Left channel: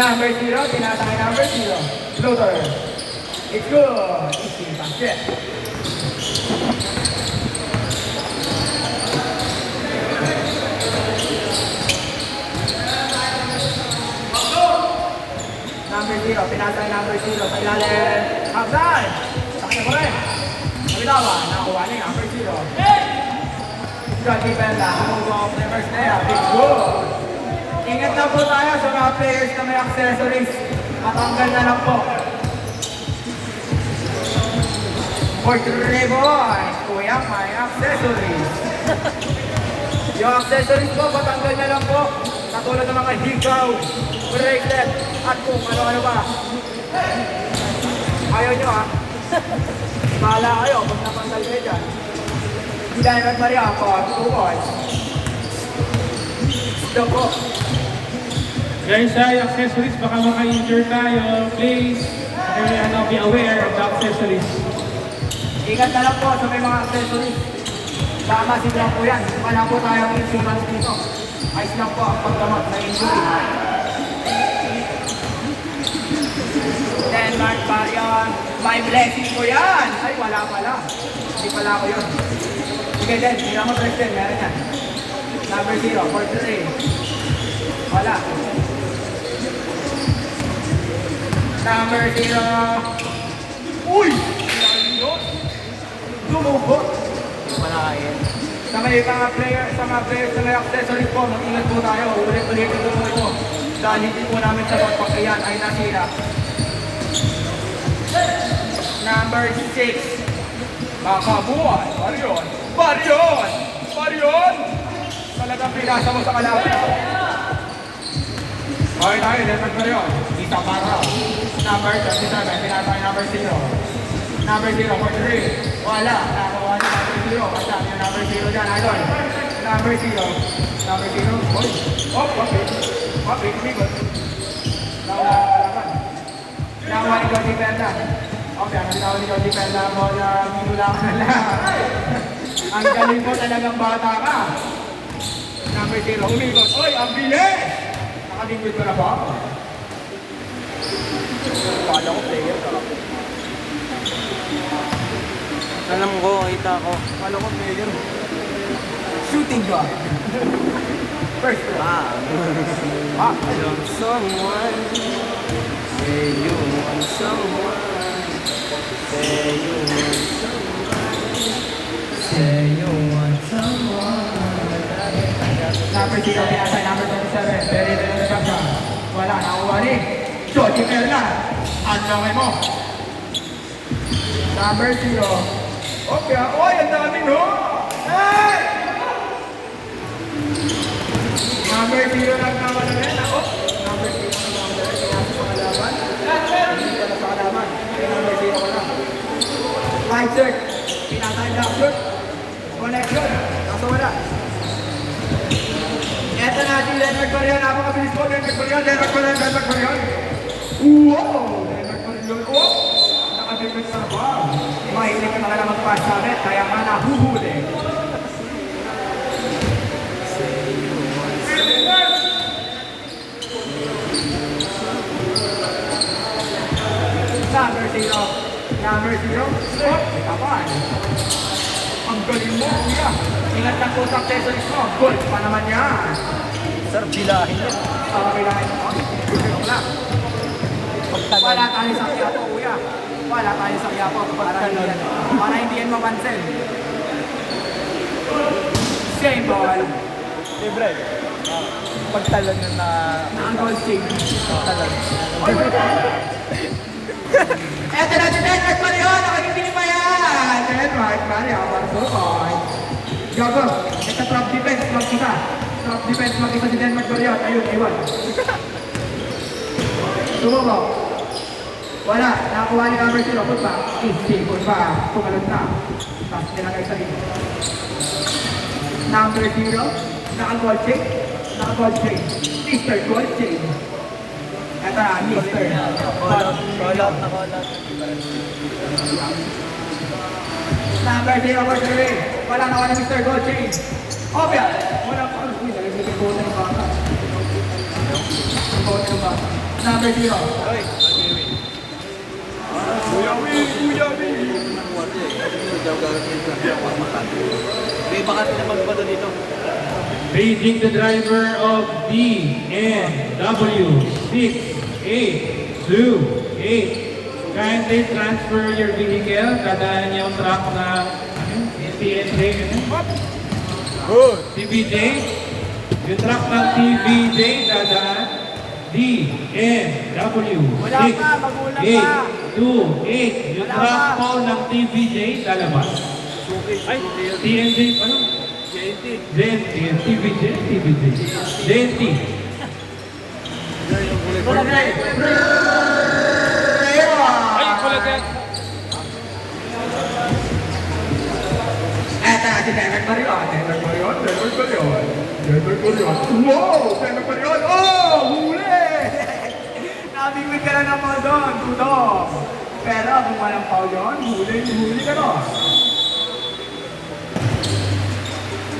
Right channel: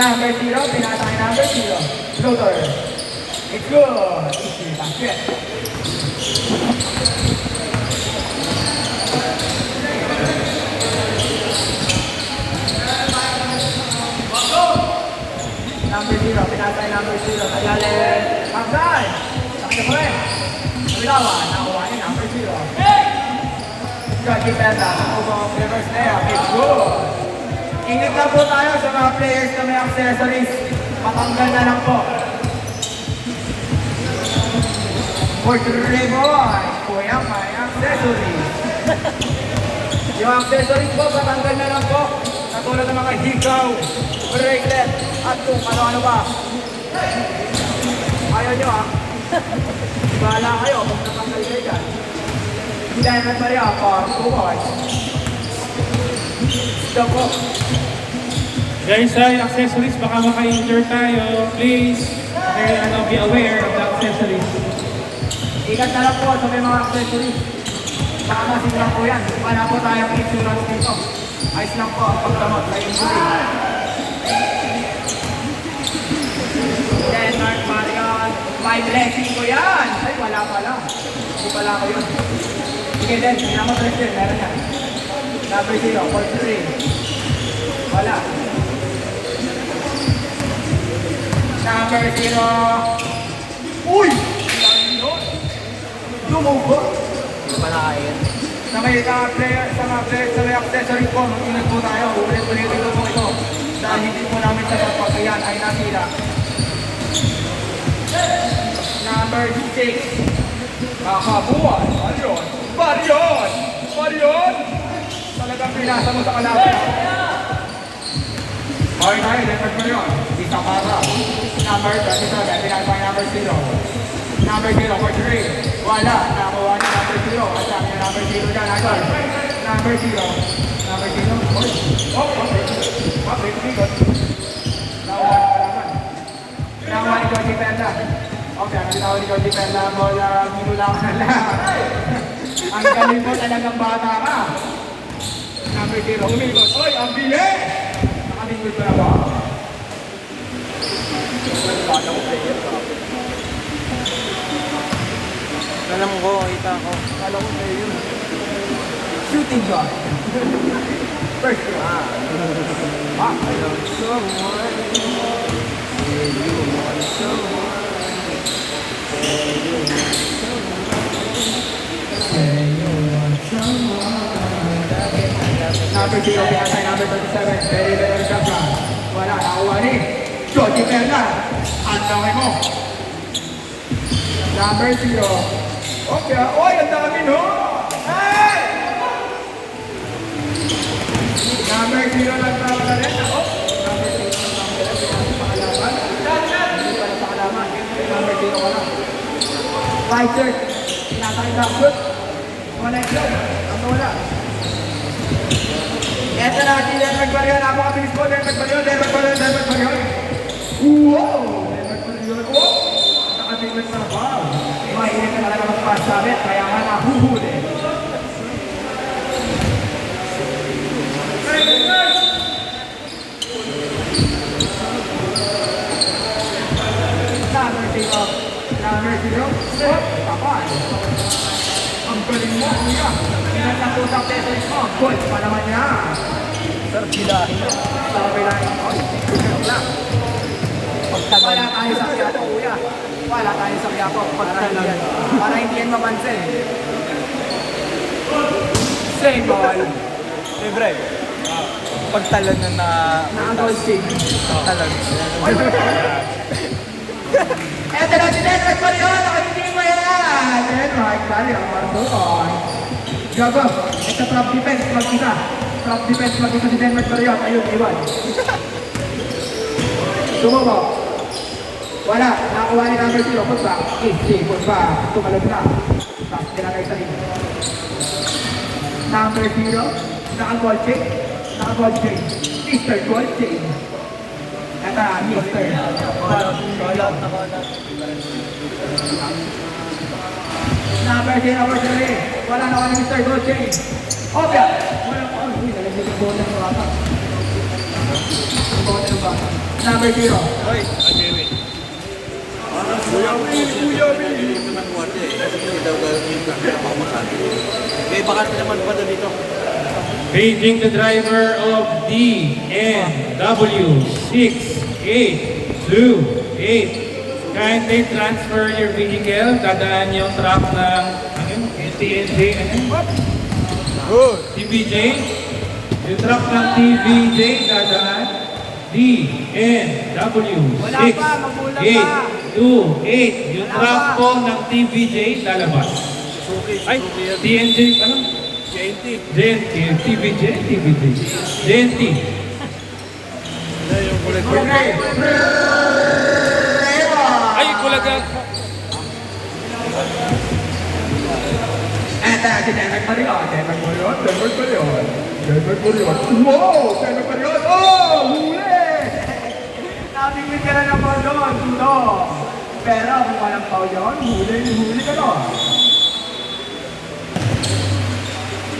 Number 0, pinatay number 0. Floater. It's good. Easy basket. Number 0, pinatay number 0. Sa ilalim. Outside. Sakya po rin. Bilawan. Nakuha ni number 0. Got your benda. Move off. Reverse layup. It's good. Ingat na po tayo sa mga players na may accessories. Matanggal na lang po. For 3 boys, kuya, may accessories. Yung accessories po, matanggal na lang po. Katulad ng mga higaw, bracelet, at kung ano-ano ba. Ayaw nyo ha. Bahala kayo kung natanggal kayo dyan. Hindi na nagmariya ako, 2 boys. Ito po. Guys, sa accessories, baka maka-injure tayo. Please, be aware of the accessories. Ikat na lang po sa may mga accessories. Baka silang po yan. Wala po tayong insurance dito. Ayos lang po ang paggamot na injury. Denmark, Marion. May blessing po yan. Ay, wala pala. Hindi pala ko yun. Sige din, ginamot ulit din. Meron yan. Number 0, 43. Wala. Number 0. Uy! Lumubo. Wala yan. Sa may player, sa mga players, sa may accessory po, mag-ingat po tayo. Ulit-ulitin ko po ito. Dahil hindi po namin sa pagpapsayan ay nasira. Number 6. Nakabuhan. Marion. Marion! Marion! Talagang pinasa mo sa kalaban. Okay tayo, Denmark Marion. Isa para. Number 37. Pinasa number 0. Number 0 for 3. Wala. Nakuha na number 0. Kasama yung number 0 dyan. Idol. Number 0. Number 0. Oh, okay. Okay, bigot. Nakuha na kalaban. Nakuha ni Cody Penda. Okay, ang bitaw ni Cody Penda. Bola, minulang na lang. Ang galing po talagang bata ka. Number 0. Umigos. Oy, ang bilis! Nakabingwit ko na ba? Kala ko player. Alam ko, kita ko. Alam mo na yun. Shooting guard. First round. Number 0, pinasay number 27. Very, very shotgun. Wala, nakuha ni Jody Fernan. Ang laway mo. Number 0. Okay, oy, ang dami no! Hey! Number 0 lang tama na rin. Ako. Number 0 lang tama na rin. Number 0 lang. Right shirt. Pinasay na shoot. Connection. Ano wala? Eto na si Denmark Marion. Napakabilis po. Denmark Marion. Denmark Marion. Denmark Marion. Wow! Denmark Marion. Oh! Nakatigas na ba? Mahilig na naman magpasabit, kaya nga nahuhuli. Number 0. Number 0. Kapal. Ang galing mo, kuya. Ingat na po sa accessories mo. Gold pa naman yan. Sir, bilahin yan. Okay lang. Joke lang. Wala tayo sa Quiapo, kuya. Wala tayo sa Quiapo. Para hindi yan mapansin. Same ball. Libre. Pagtalon na Na-goal sing. Pagtalon. Eto na si Denmark Marion. Nakatitingin pa yan. Denmark Marion. Gago. Ito top defense. Mag-isa. Top defense. Mag-isa si Denmark Marion. Ayun, iwan. Tumabaw. Wala. Nakakuha ni number 0. Put back. Put back. Tumalog na. Tapos tinagay sa rin. Number 0. Naka-goal chain. Naka-goal chain. Mr. Goal chain. Ito na, Mr. Number 0 for 3. Wala na ni Mr. Goal chain. Obya. Wala pa. Uy, nalagay ko na number 0. Oy, agree. May bakit naman pa dito. Paging the driver of DNW 6828. Kindly transfer your vehicle. Dadaan yung truck na TNJ. Good. TVJ. Yung truck ng TVJ dadaan DNW 6828. Yung truck po ng TVJ lalabas. Ay, TNJ, ano? JNT, TVJ, JNT. Okay. Ay, kulag yan. At si Derek Marion. Wow! Derek Marion! Oh! Huli! Nabibig ka na ng ball doon. Tuto. Pero kung walang foul yun, huli ka doon.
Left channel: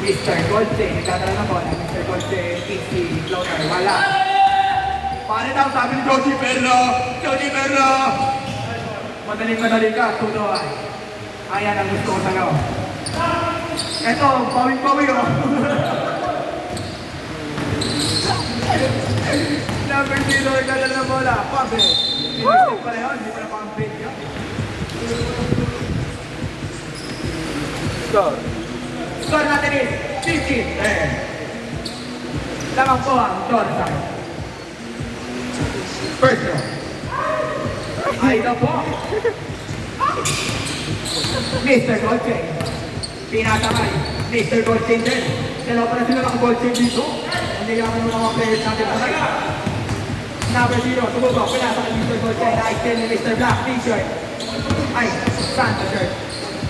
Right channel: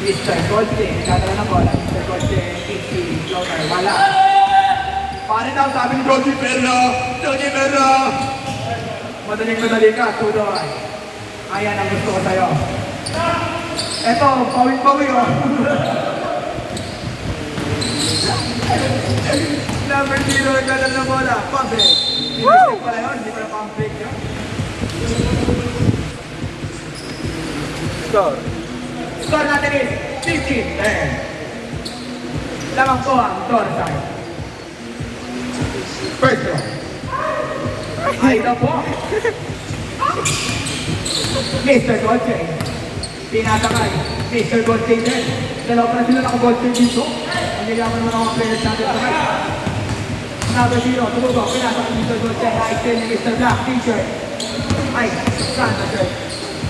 Mr. Golde, katara na ball. Mr. Golde, easy, floater, wala. Paano daw sabi ni Joji Perlo? Joji Perlo! Madali ka, Tudor. Ayan ang gusto ko sa'yo. Eto, pawing-pawing oh. Number 0, nagdadala ng bola. Pump-break. Pinag-break pala yun, hindi pala pump-break yun. Score. Score natin is 15-10. Lamang po ang Torsan. First row. Ay na po. Mr. Goldchain. Tinasakay. Mr. Goldchain din. Dalawa pa na sila naka-Goldchain dito. Hindi naman ng mga players natin sakay. Number 0, tumugo. Pinasakay Mr. Goldchain. Nike-10 ni Mr. Black T-shirt. Ay, Santa shirt.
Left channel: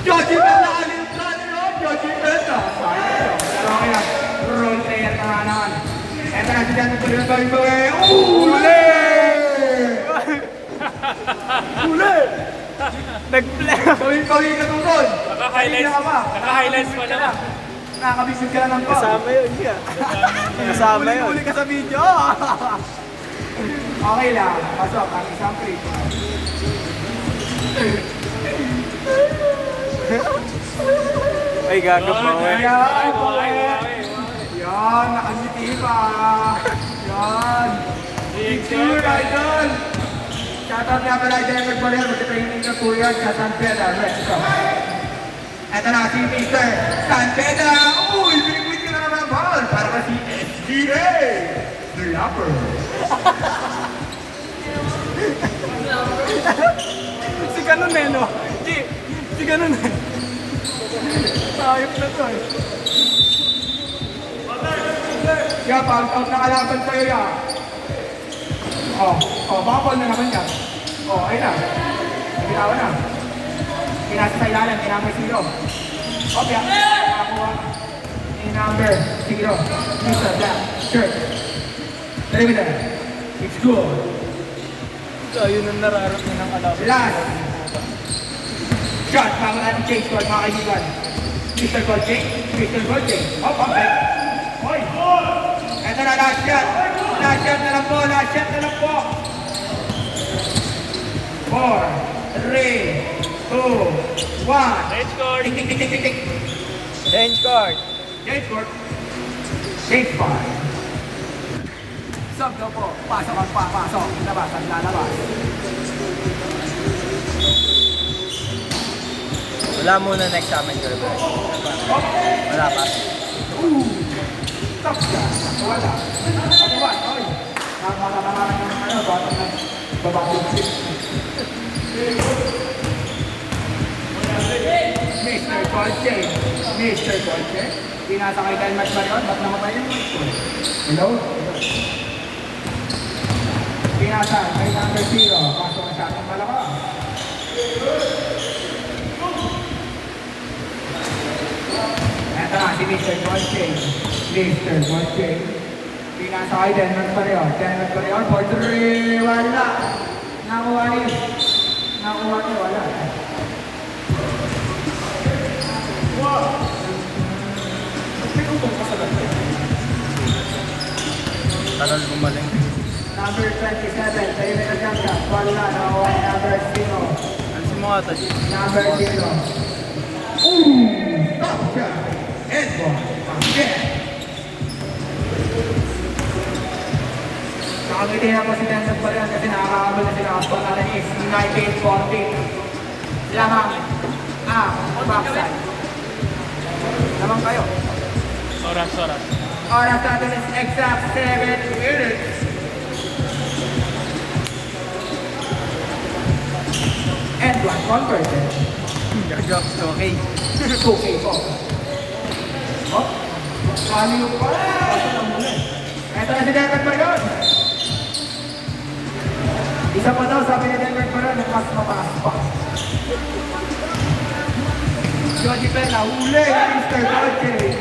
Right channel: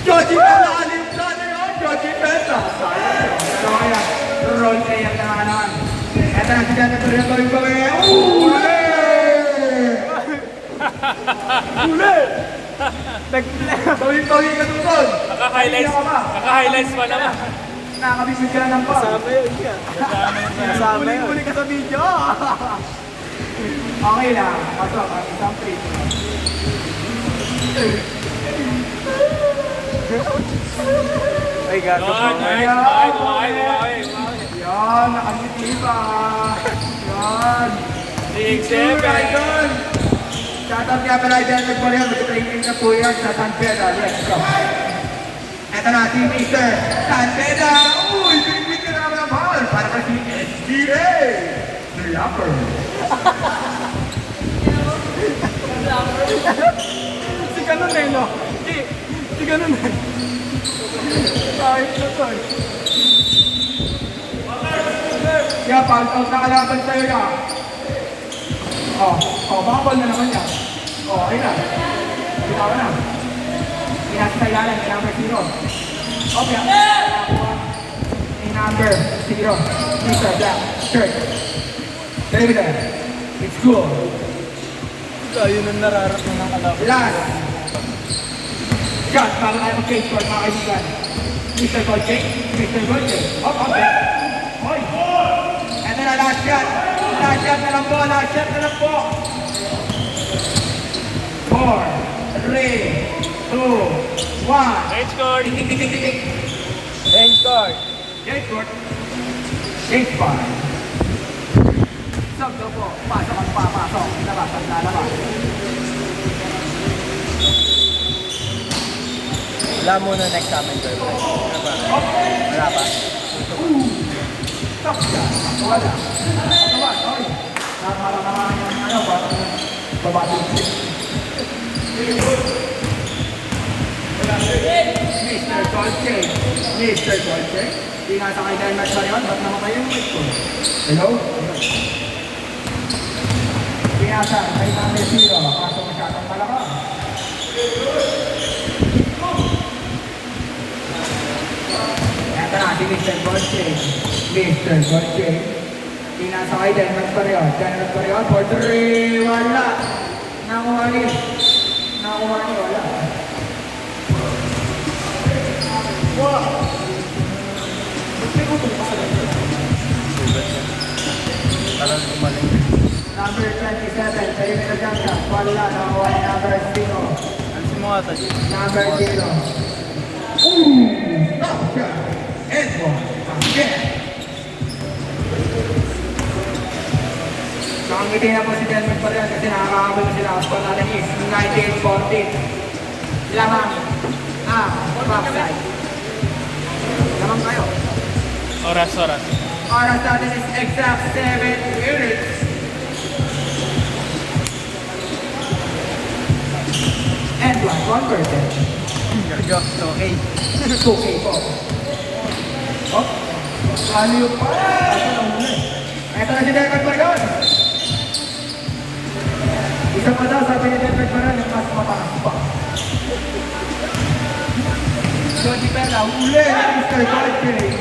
Joji Meta! Alim sa naman! Joji Meta! Sayang yun. So kaya, role player ka nga naman. Eto na si Dante ko rin gawin. Uli! Uli! Gawin ka tungkol. Naka-highlights pa naman. Nakakabisig ka ng ball. Kasama yun yan. Kasama yun. Huli ka sa video. Okay lang. Pasok ang isang free. Ay, gago. Yan, nakangiti pa. Yan. Idol. Shoutout nga pala Idol Nagpalero. Mag-training na po yan sa San Pedro. Let's go. Ito na si Mr. San Pedro. Uy, binibig ka na naman ang ball. Para kasi SGA. The Lapper. Si Kanon eh, no? Si Kanon eh. Ayos na to eh. Kaya pag nakalaban sa'yo yan. Bakol na naman yan. Okay na. Bitawa na. Pinasa sa ilalim, may number 0. Okay. May number 0. Mr. Black shirt. David, it's cool. Ayun ang nararating ng kalaban. Last. Shot, mga cage squad, mga kaibigan. Mr. Golche. Okay. Hoy. Ito na last shot. Last shot na lang po. 4, 3, 2, 1. Range court. Tik. Range court. Change court. Change part. Sub na po. Pasok ang papasok. Labas ang lalabas. Wala muna next namin, girl. Wala pa. Wala pa. Stop siya. Wala. Hoy. Ano ba? Babae. Mr. Golche. Inasa kay Dine Match Marion. Ba't namatay yung mic ko? Hello? Inasa kay number 0. Kaso masyadong palaka. Eto na si Mr. Golche. Inasa kay Dine Match Marion. For 3. Wala. Nakuha ni. Wala. Wow! May utong pa talaga. Talang umaling. Number 27, kay bata, G. Number 0. Ooh! Top shot! Edward Marquez. Nakangiti na po si Denver pa rin kasi nakakaabot na sila. Ang pangalan is 19-14. Lamang ang backside. Lamang kayo. Oras. Oras natin is exact 7 minutes. And one converted. Gaga, okay. 2K po. Oh, kaliw pa. Ito na si Denver Paragon. Isa pa daw sabi ni Denver Paragon yung mas mataas pa. Jody Pena, uli ni Mr. Godfrey.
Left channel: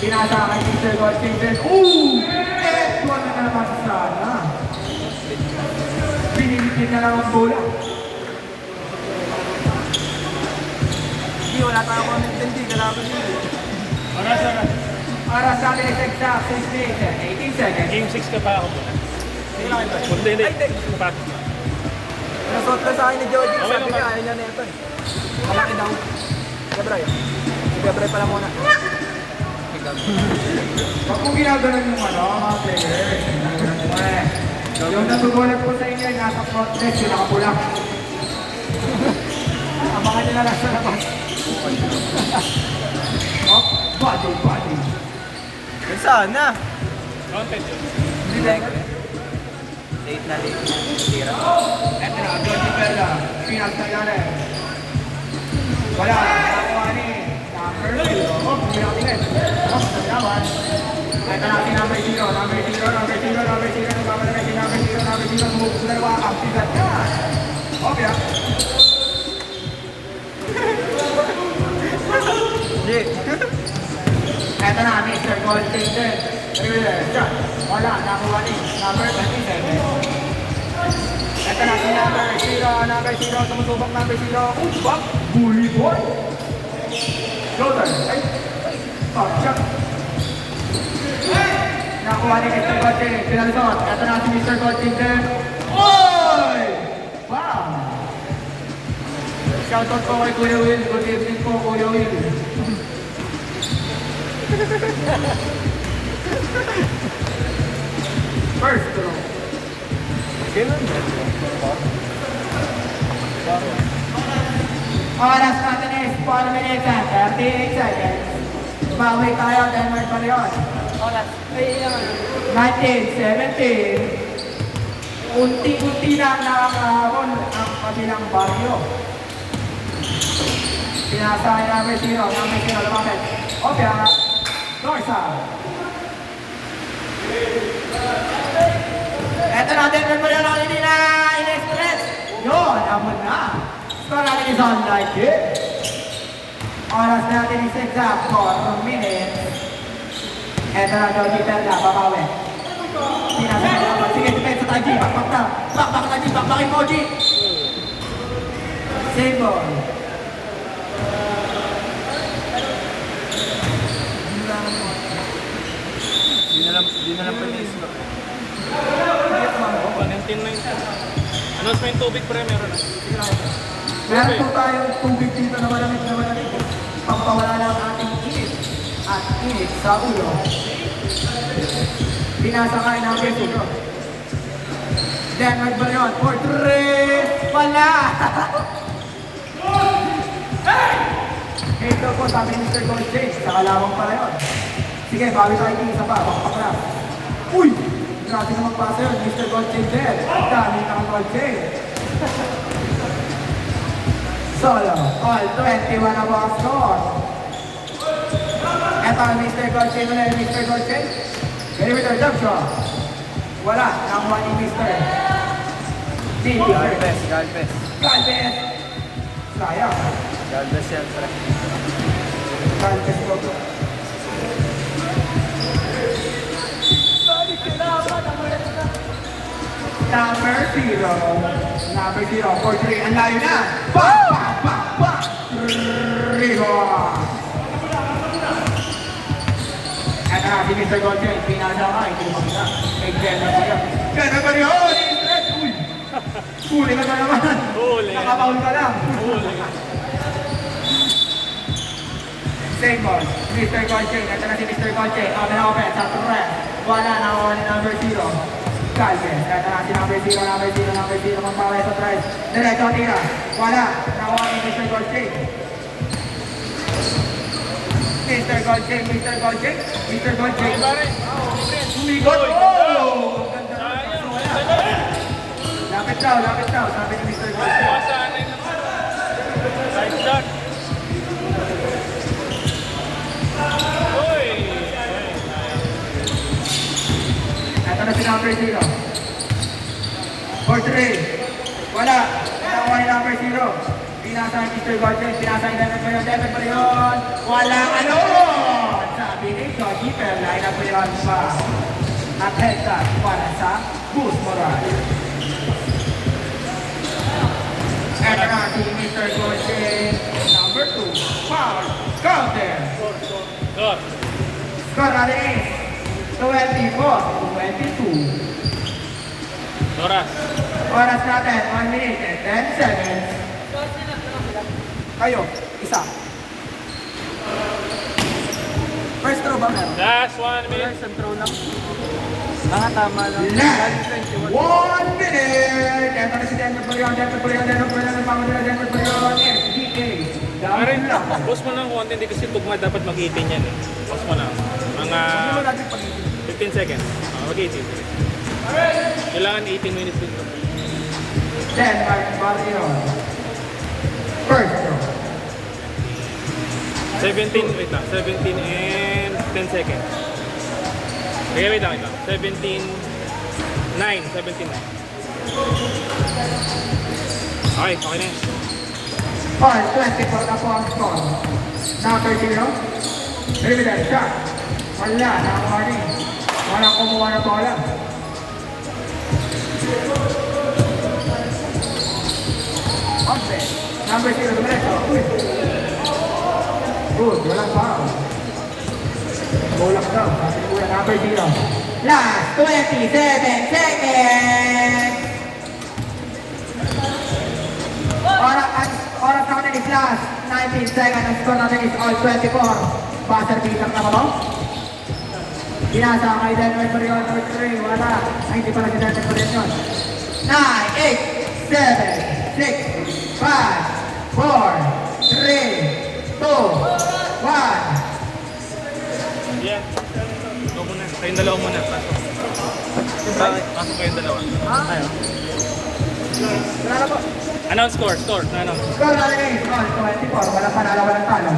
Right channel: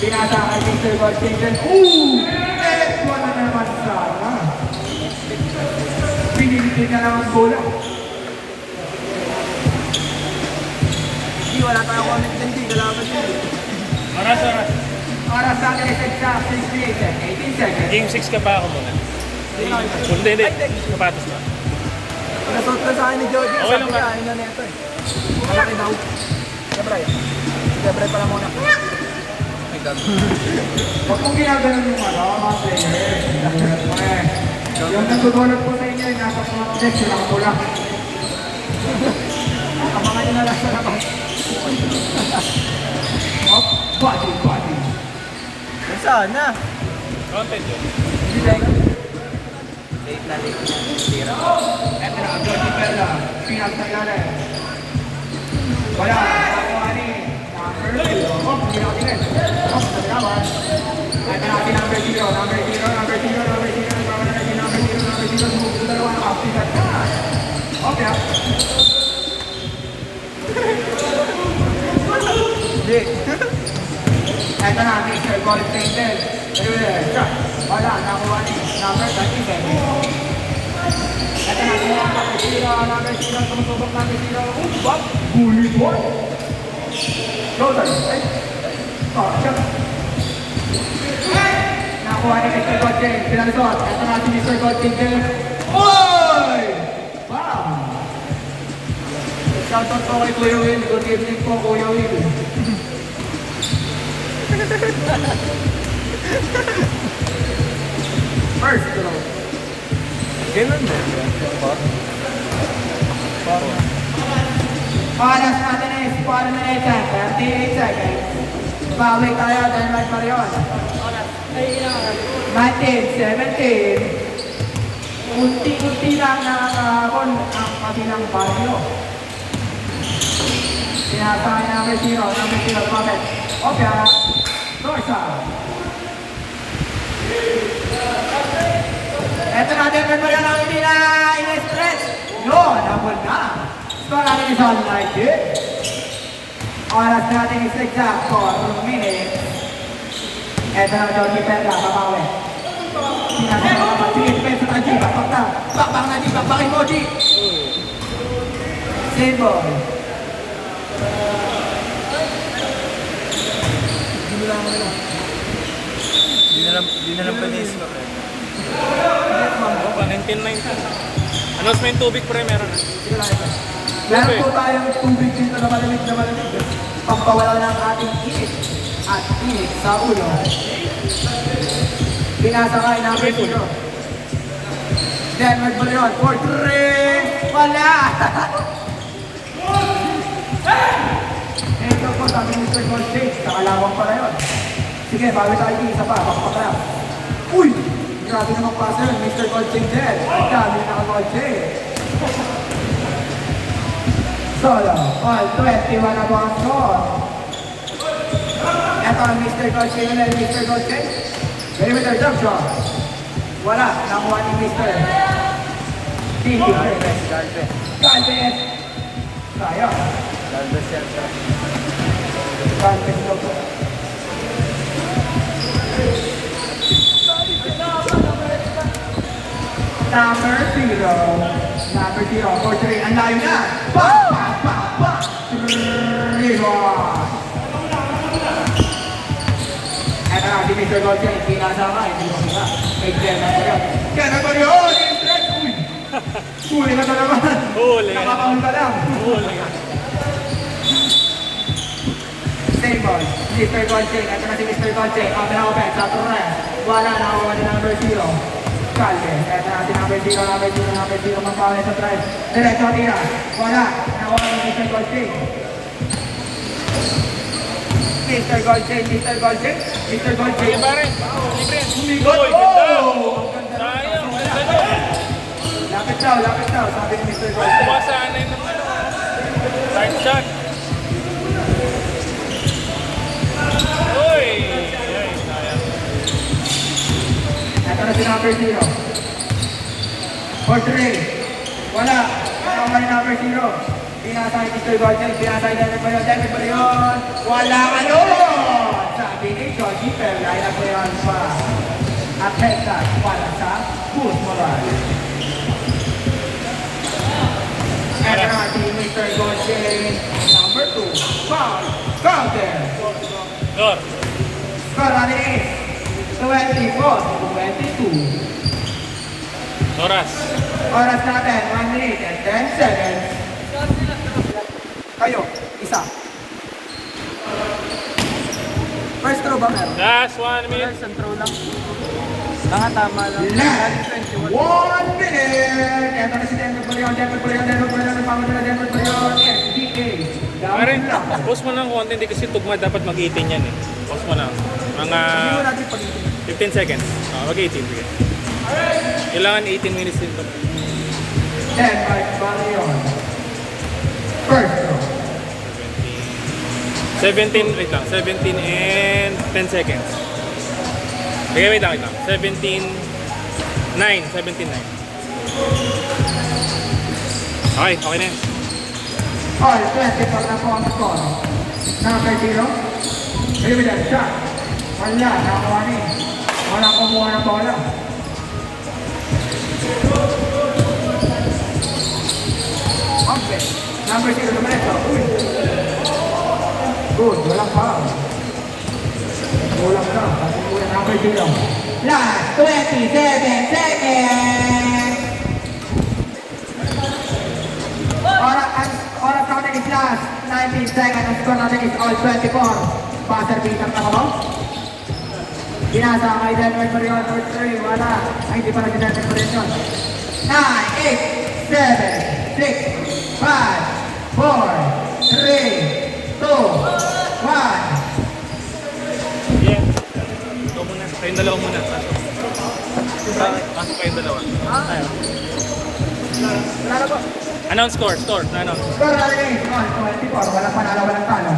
Pinasa kay Mr. Godfrey din. Eto na naman sana. Pinilitin na lang ang bola. G, wala tayong comment din, G. Kalaban yun. Oras. Oras natin is exact 6 minutes and 18 seconds. Game 6 ka pa ako muna. Hindi. Sapatos na. Nasot na sa akin ni Jody. Okay Sabi lang, ka, ayun na neto eh. Malaki daw. Gabriel. Gabriel pala muna. Huwag mong ginaganon yung mga player. Yung natutunan po sa inyo, nasa front desk, yung nakapula. Ang mga nyo na lang sa labas. Oh, body. Sana. Content yun. Dilek. Eto na, Jody Perla. Pinagtagalan. Wala. Mani. Number 2. Oh, pinagtagalan. Oh, nagkawan. Eto na, number 0. Sumubok sa dalawa. Active left na. Okay. G. Eto na, Mr. Gold Kingdom. Shot. Wala, nakuha ni number 27. Eto na si number 0. Sumusubok number 0. What? Bully ball. Shoulder. Ay. Oh, shot. Nakuha ni Mr. Gold King. Pinalisot. Eto na si Mr. Gold Kingdom. Oy! Wow! Shoutout po kay Kuya Will. Good evening po, Kuya Will. First throw. Ganun ba? Oras natin is 1 minute and 38 seconds. Bawi tayo dahil may pariyon. 19-17. Unti-unti na nakakahapon ang kabilang baryo. Sinasahin namin zero. Bakit? Okay, Dorsa. Ito natin kan ba yan ang hindi na in-stress? Yun, habon na. Score natin is on 90. Oras natin is exact 4 minutes. Ito na daw, Gipenda, papawi. Sige, depensa tayo, G, bakbak na. Bakbak na, G, bakbakin mo, G. Same ball. Di na lang po na-stop. 19-19. Announcement tubig pre, meron na. Meron po tayong tubig dito na malamig. Pampawala ng ating init at init sa ulo. Pinasakay namin dito. Then, magbaryon for 3. Wala! Ito po sabi ni Mr. Gold Chase. Nakalawang pala yun. Sige, bago tayo isa pa. Bakpakrap. Uy! Grabe namang pasa yun. Mr. Gold Chase din. Ang dami naka-Gold Chase. Solo. All 21 ang mga score. Eto ang Mr. Gold Chase ulit. Mr. Gold Chase. Perimeter jump shot. Wala. Nakuha ni Mr. Titi. Galvez. Galvez. Sayang. Galvez yan. Galvez po. Number 0. Number 0 for 3. Ang layo na. Pa! 3 ball. At si Mr. Goldchen, pinasama. Hindi mo na. May Jenna pa yun. Jenna pa yun! Stretch! Uy! Huli ka ba naman? Huli. Nakapahol ka lang. Huli. Same ball. Mr. Goldchain. Ito na si Mr. Goldchain. Open sa press. Wala, nakakuha ni number 0. Calve. Ito na si number 0. Magkawin sa press. Diretso tira. Wala. Nakakuha ni Mr. Goldchain. Mr. Goldchain. Humigot. Oh! Ang ganda nun. Lapit daw. Sabi ni Mr. Goldchain. Right shot. Uy! Ito na si number 0. Portrait. Wala. Nakakuha ni number 0. Pinasa ni Mr. Goldchain. Pinasa ni David pa yun. Wala ka nun! Sabi ni Georgie, pero line up yun pa. Napeta para sa Boost Moral. Ito na si Mr. Goldchain. Number 2. Foul. Counter. Good. Score natin is 24-22. Noras. Oras natin, 1 minute and 10 seconds. Kayo, isa. First throw ba meron? Last 1 minute. Isang throw lang. Tama lang. Last Lagi 21. 1 minute! Ito na si Denver Pagyan, Denver Pagyan, SDK. Pare, Dami lang. post mo ng konti, hindi kasi tugma dapat mag-18 yan eh. Post mo lang. Mga Hindi mo natin pag-ibig. 15 seconds. Mag-18. Sige. Kailangan 18 minutes din. Denmark Barrion. First throw. 17, wait lang. 17 and 10 seconds. Okay, wait lang. 17, 9. Okay, okay na yan. All 24 na po ang score. Number 0. Rividan shot. Wala, nakakuha ni. Walang kumuha ng bola. Okay. Number 0, dumiretso. Uy. Good, walang foul. Kulang daw. Kasi kuya number 0. Last 27 seconds. Oras natin is last 19 seconds. Ang score natin is all 24. Buzzer beater na ako. Binasa ang kay Denver Pagyan, number 3. Wala. Ay, hindi pa nag-Denver Pagyan yun. 9, 8, 7, 6, 5, 4, 3, 2, 1. Yeah. Ikaw muna. Kayong dalawa muna. Pasok. Pasok kayong dalawa. Announce score. Announce. Score natin is all 24. Wala pa dalawa ng talo sa